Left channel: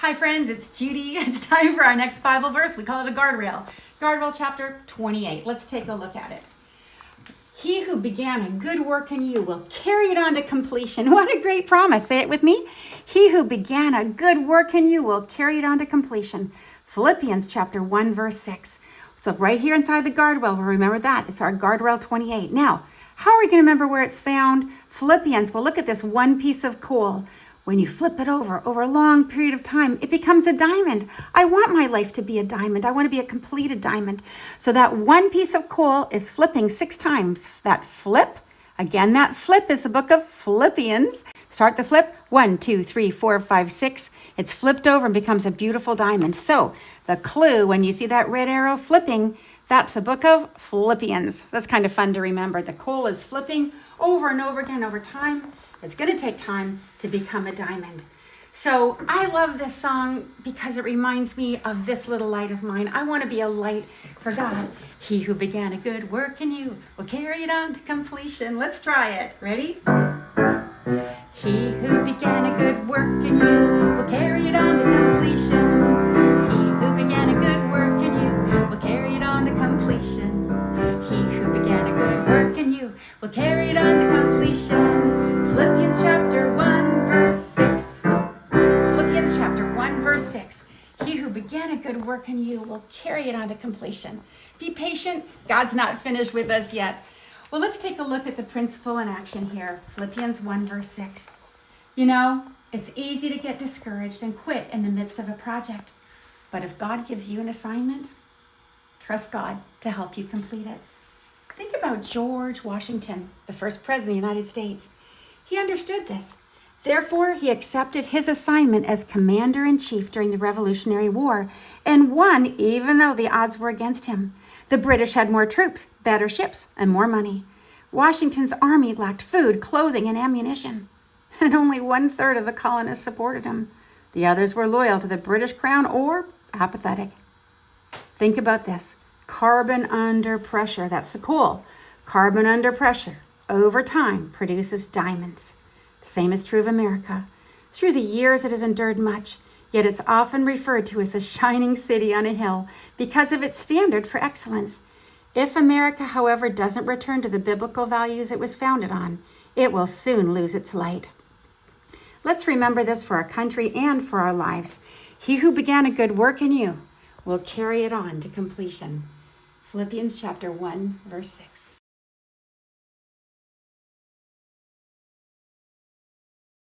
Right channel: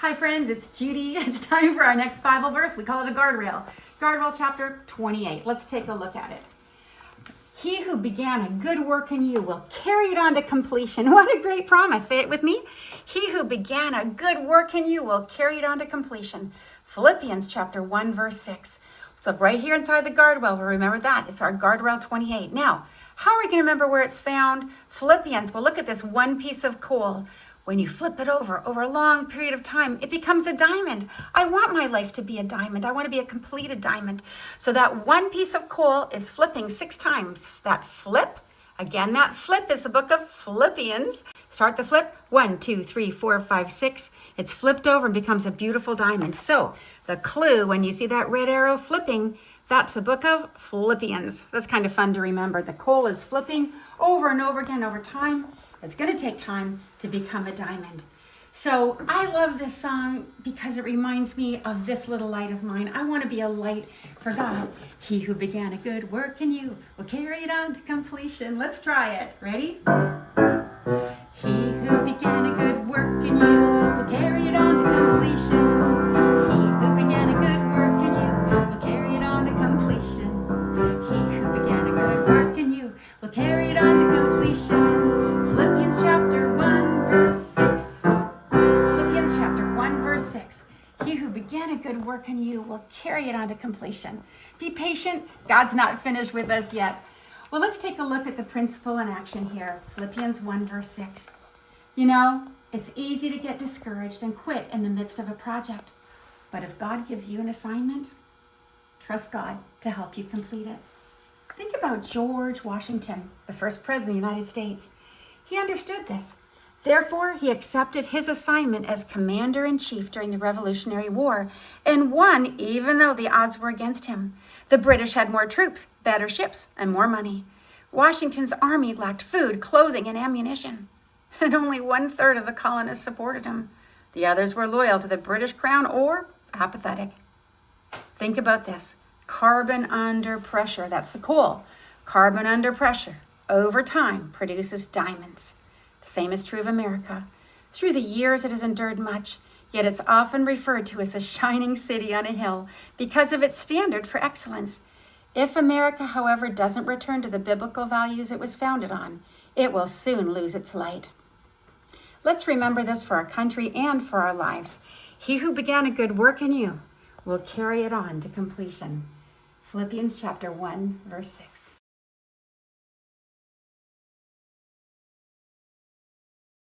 Hi friends, it's Judy. It's time for our next Bible verse. We call it a guardrail. Guardrail chapter 28. Let's take a look at it. He who began a good work in you will carry it on to completion. What a great promise. Say it with me. He who began a good work in you will carry it on to completion. Philippians chapter 1 verse 6. So right here inside the guardrail, we'll remember that. It's our guardrail 28. Now, how are we going to remember where it's found? Philippians, well, look at this one piece of coal. When you flip it over a long period of time, it becomes a diamond. I want my life to be a diamond. I want to be a completed diamond. So that one piece of coal is flipping 6 times. That flip, again, that flip is the book of Philippians. Start the flip, 1, 2, 3, 4, 5, 6. It's flipped over and becomes a beautiful diamond. So the clue, when you see that red arrow flipping, that's the book of Philippians. That's kind of fun to remember. The coal is flipping over and over again over time. It's going to take time to become a diamond. So I love this song because it reminds me of this little light of mine. I want to be a light for God. He who began a good work in you will carry it on to completion. Let's try it. Ready? He who began a good work in you will carry it on to completion. He who began a good work in you will carry it on to completion. He who began a good work in you will carry it on to completion. Philippians chapter 1 verse 6. Philippians chapter 1 verse 6. He who began a good work in you will carry it on to completion. Be patient. God's not finished with us yet. Well, let's take a look at the principle in action here. Philippians 1 verse 6. You know, it's easy to get discouraged and quit in the midst of a project. But if God gives you an assignment, trust God to help you complete it. Think about George Washington, the first president of the United States. He understood this. Therefore, he accepted his assignment as commander-in-chief during the Revolutionary War and won even though the odds were against him. The British had more troops, better ships, and more money. Washington's army lacked food, clothing, and ammunition. And only 1/3 of the colonists supported him. The others were loyal to the British crown or apathetic. Think about this. Carbon under pressure, that's the coal. Carbon under pressure over time produces diamonds. The same is true of America. Through the years it has endured much, yet it's often referred to as a shining city on a hill because of its standard for excellence. If America, however, doesn't return to the biblical values it was founded on, it will soon lose its light. Let's remember this for our country and for our lives. He who began a good work in you will carry it on to completion. Philippians chapter 1, verse 6.